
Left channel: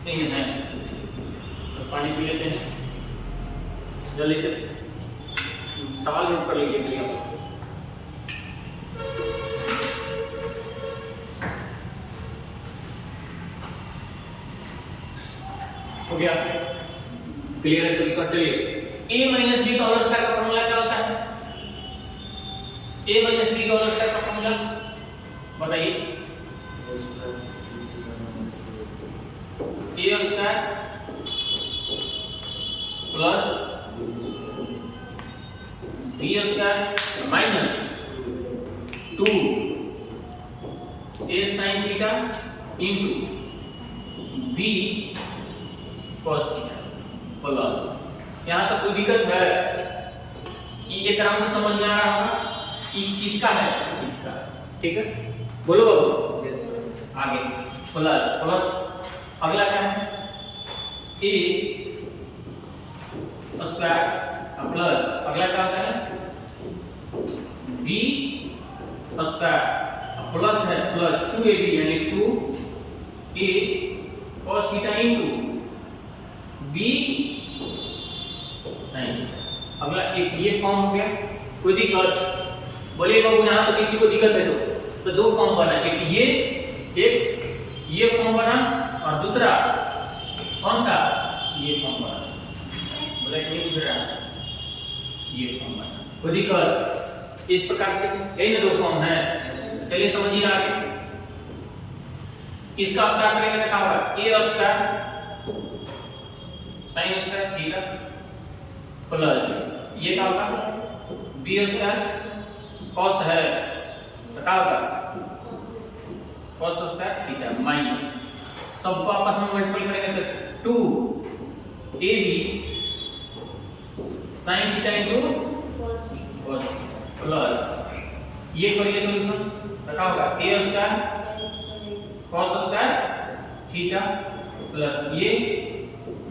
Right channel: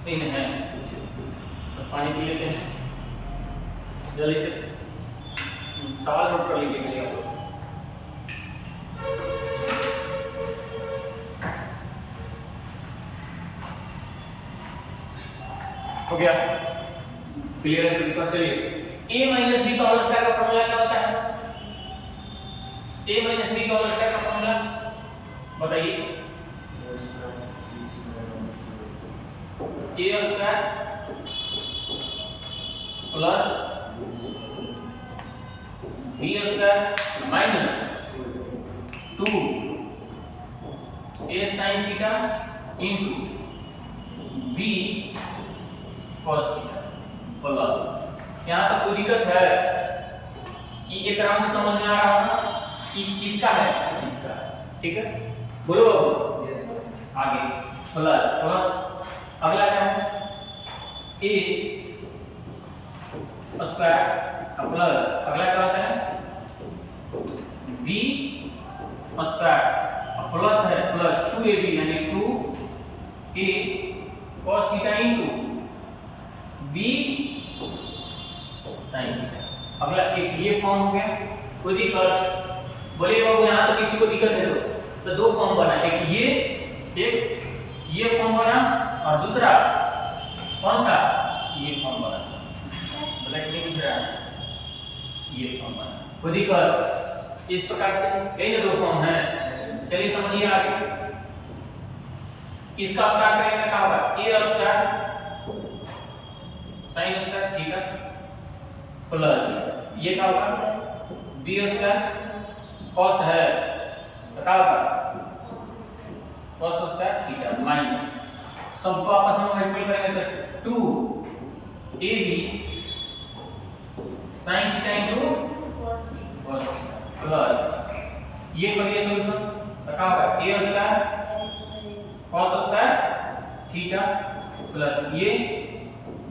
इन है। तो पानी पी लेते हैं जल्दी से, सवाल नोट कर लीजिए प्लीज। हो गया? क्लियर है सभी को? चलिए a माइनस b का होल स्क्वायर का फॉर्मूला क्या होता है? a माइनस b का होल स्क्वायर का फॉर्मूला बताइए। a square plus b square minus 2 a sin theta into b cos theta plus, यहाँ तक कोई दिक्कत है? ये क्रम में समझ में आ रहा होगा कि किसका है? इसका, ठीक है? बोलो Yes, sir. आगे प्लस प्लस, अगला क्या है? a स्क्वायर प्लस, अगला क्या होता है? b स्क्वायर प्लस है प्लस 2ab यानी 2a cos theta into b sin theta. अगला एक ये फॉर्म हो गया, कोई दिक्कत बोलेगा वो यहाँ तो किसी को दिक्कत है तो दो फॉर्म बना, एक ये फॉर्म बना और दूसरा कौन सा ये फॉर्म बना, बोले नहीं बुझ रहा है, ये फॉर्म बना, कोई दिक्कत इस प्रकार से यही ना दो फॉर्म है। चलिए समझिए आगे, इसका स्क्वायर करेंगे तो क्या होगा a square sin square theta plus ये क्या होगा b स्क्वायर cos है तो क्या होगा cos स्क्वायर थीटा माइनस सबको आपस में मल्टीपल करेंगे तो 2ab sin theta into cos plus ये करिए सॉल्यूशन तो क्या होगा a square cos square theta plus ये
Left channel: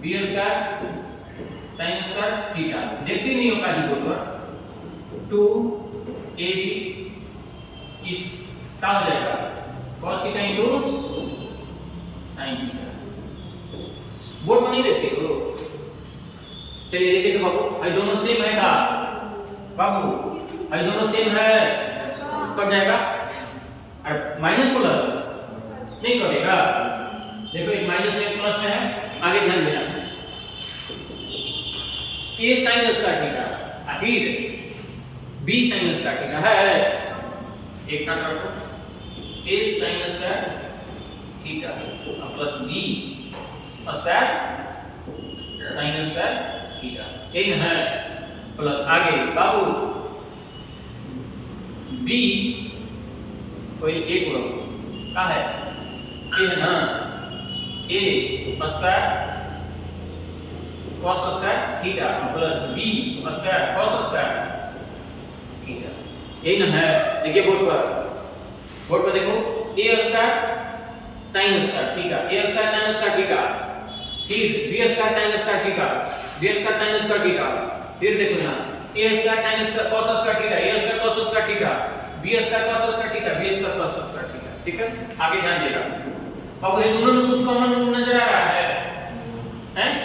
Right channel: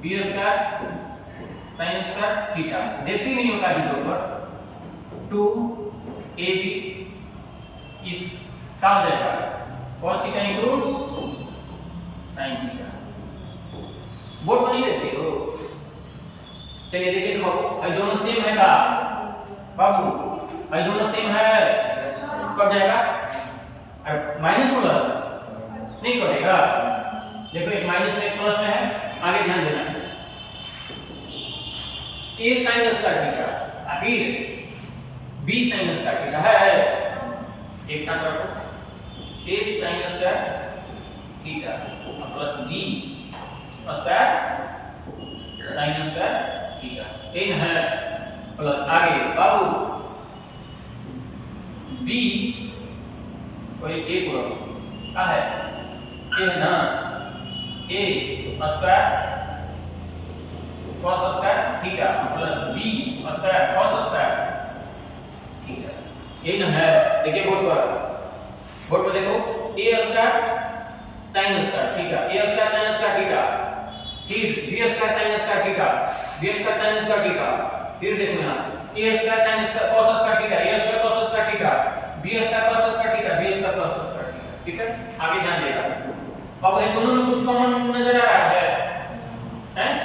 b square sin square theta, देखते नहीं हो काजी बोर्ड पर 2ab इस क्या हो जाएगा cos theta into sin theta, board में नहीं देखते हो। चलिए देखिए तो बाबू ये दोनों सेम है का बाबू, ये दोनों सेम है कट जाएगा और माइनस प्लस नहीं करेगा, देखो एक माइनस में एक प्लस में है, आगे ध्यान देना a sin स्क्वायर थीटा और फिर b sin स्क्वायर थीटा है, एक साथ रखो a sin square theta plus b square sin square theta, इन है प्लस आगे बाबू b कोई a को रखो क्या है a है ना a square cos square theta plus b square cos square theta, यही ना है। देखिए बोर्ड पर देखो a square sin square theta, a square sin square theta, फिर b square sin square theta, b square sin square theta, फिर देखो यहाँ a square sin square cos square theta, a square cos square theta, b square cos square theta, b square cos square theta, ठीक है। आगे ध्यान देना अब ये दोनों में कुछ कॉमन नजर आ रहा है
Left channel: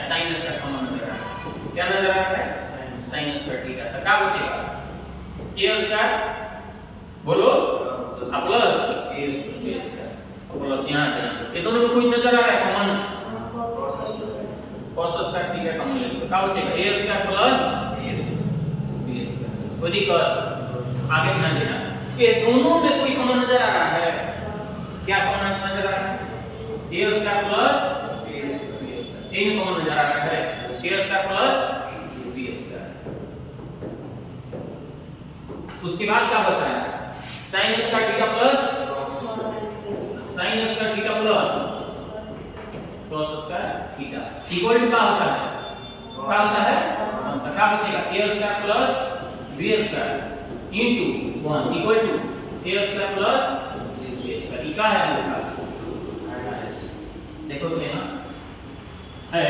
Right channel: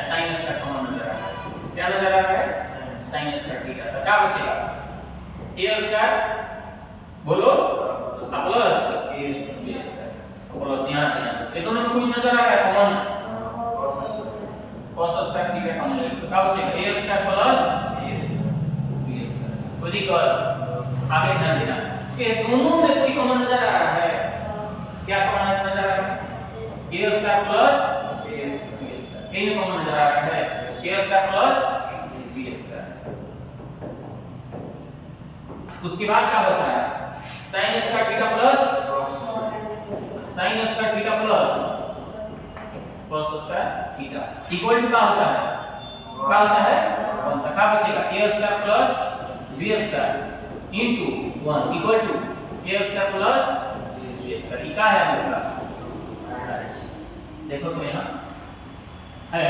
sin स्क्वायर कॉमन नजर आ रहा है, क्या नजर आ रहा है sin स्क्वायर थीटा, तो क्या बचेगा a स्क्वायर बोलो प्लस a स्क्वायर प्लस यहाँ पे ये दोनों में कुछ नजर आ रहा है common cos square theta common ले तो क्या बचेगा a square plus b square, कोई दिक्कत आगे ध्यान देना ये दोनों में कोई कॉमन नजर आ रहा है, क्या कॉमन नजर आ रहा है a स्क्वायर प्लस यही कॉमन नजर आ रहा है a square plus b square. उसके बाद क्या बचा है sin square theta plus sin square theta plus cos square theta equal to क्या होता है क्या बचेगा a square plus b square into 1 equal to a square plus b square, ये क्या है हम लोग का देखो तो यहाँ है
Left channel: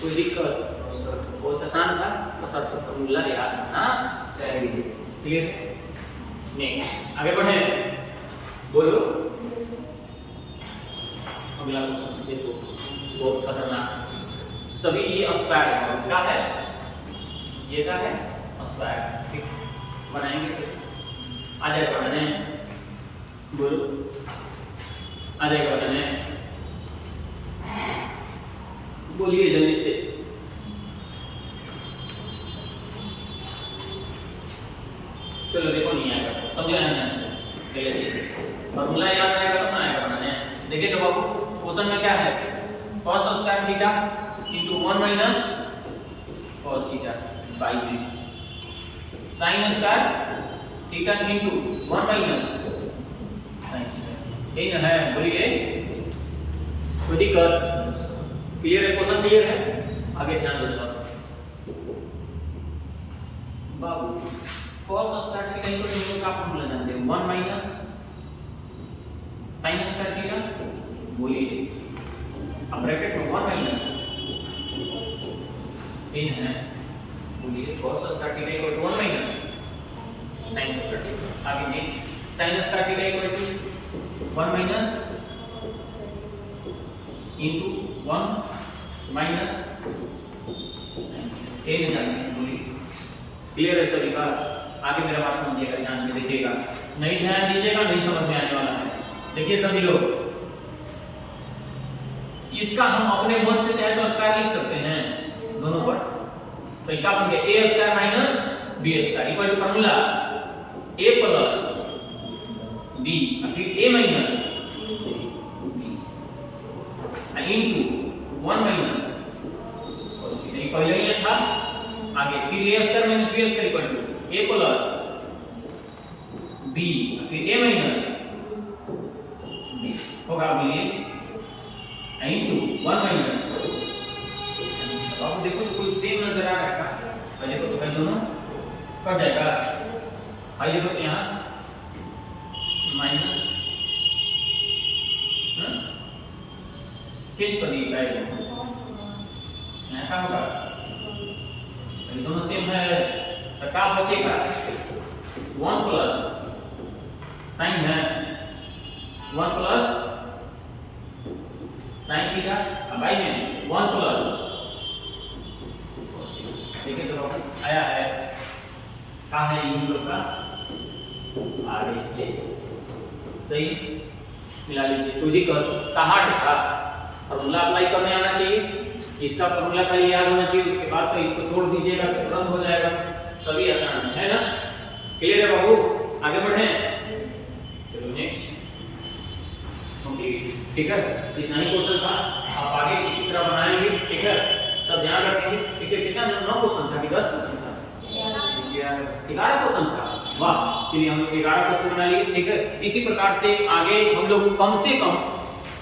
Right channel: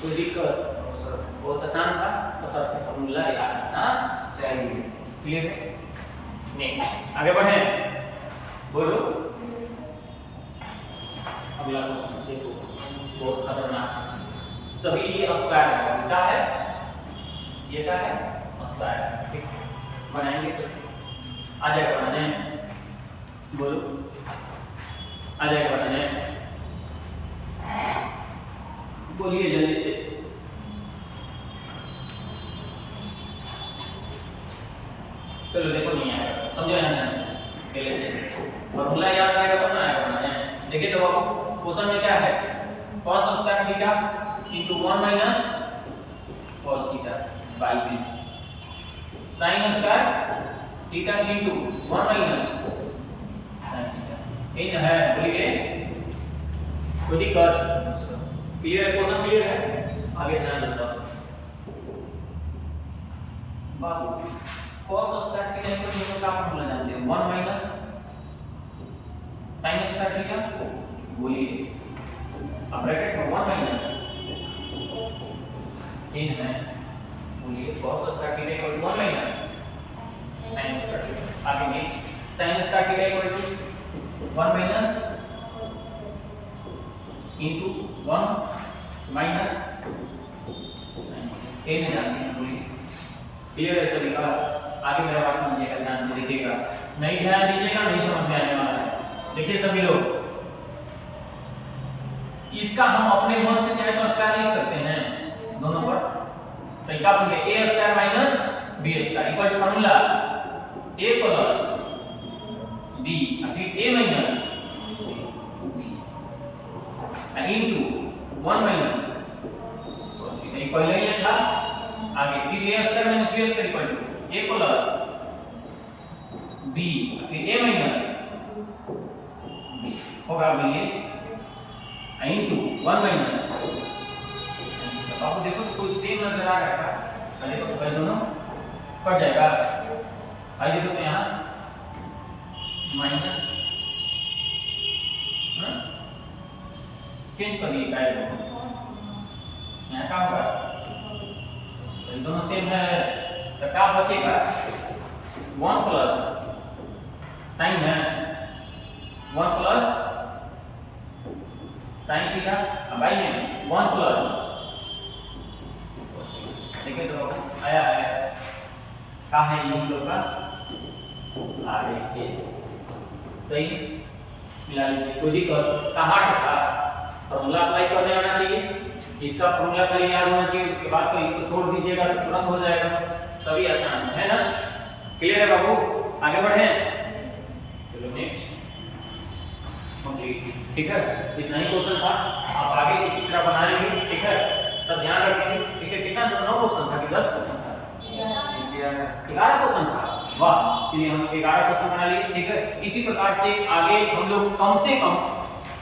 कोई दिक्कत बहुत आसान था तो सब फॉर्मूला याद रखना चाहिए, क्लियर है। नेक्स्ट आगे बढ़े बोलो अगला क्वेश्चन देखो बहुत खतरनाक, सभी ये स्क्वायर है क्या है ये क्या है स्क्वायर, ठीक बनाएंगे तो आ जाएगा बनाने, बोलो आ जाएगा बनाने, बोलिए जल्दी से। चलो देखो नहीं आएगा समझो नहीं देखिए फॉर्मूला याद रहेगा तब ना आएगा बनाने। देखिए तो बाबू क्वेश्चन में क्या है cos square theta into 1 minus cos theta by 3 sin square theta into 1 minus sin theta, यही ना है बोलिए कोई दिक्कत, क्लियर है क्वेश्चन क्लियर है। आगे ध्यान दो सब बाबू cos square theta equal to का फॉर्मूला जानते हैं 1 माइनस sin स्क्वायर थीटा, बोलिए अब ब्रैकेट में 1 माइनस इन है, बोलिए cos square theta equal to 1 minus sin square theta, आगे next sin square theta equal to 1 minus into 1 minus a में जाएंगे बोलिए। क्लियर है सभी का? आगे मेरा बात समझिएगा, ध्यान से देखिएगा, नहीं ध्यान दीजिएगा नहीं समझ में आने वाला है। देखिए सभी लोग, इसका हम अपने मन से चाहे तो स्क्वायर लिख सकते हैं दोनों पर, तो क्या बन गया a square minus b square equal to formula a plus b फिर ए माइनस इनटू 1 माइनस ये पहले ही था, आगे फिर a square minus b square equal to a plus b फिर ए माइनस बी होगा, बोलिए इनटू 1 माइनस। बाबू देखो तो कोई सेम नजर आ रहा है, पहले तो पहले दोनों कट जाएगा। भाई देखो तो यहाँ माइनस चेंज कर दिए यहाँ का होगा, दोनों सेम है तो क्या बचेगा 1 प्लस साइन है 1 प्लस साइन थीटा, अब आई में 1 प्लस देखिए तो आया है क्या है ये हम लोग का RHS सही मिला लीजिए। कोई दिक्कत कहाँ था, फॉर्मूला अप्लाई करने आना चाहिए, इसका फॉर्मूला पहले याद होना चाहिए, उसके बाद तो इसको छोड़ दीजिएगा तो तुरंत हो जाएगा, सभी आसान है ना। क्लियर है बाबू? आगे बढ़े, चलो नेक्स्ट कंप्लीट। ठीक है, इतना ही क्वेश्चन था, अब आगे इसी तरह बनाएंगे। ठीक है, सब ध्यान रखेंगे। ठीक है, कितना 9 क्वेश्चन था कि 10 क्वेश्चन था? 11 क्वेश्चन था। वाह, चलिए हम लोग 11 क्वेश्चन बना लिए। ठीक है, इसी प्रकार से आगे हम लोग कम से कम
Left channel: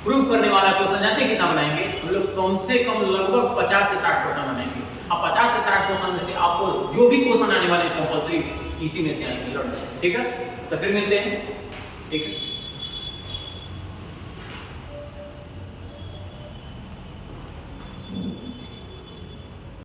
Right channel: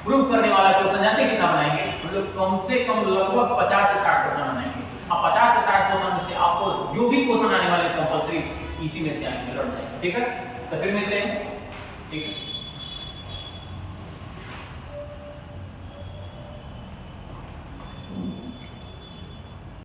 प्रूव करने वाला क्वेश्चन जानते हैं कितना बनाएंगे? हम लोग कम से कम लगभग 50 से 60 क्वेश्चन बनाएंगे। अब 50 से 60 क्वेश्चन में से आपको जो भी क्वेश्चन आने वाले कंपलसरी इसी में से आएंगे, लौट जाएंगे। ठीक है, तो फिर मिलते हैं। ठीक है।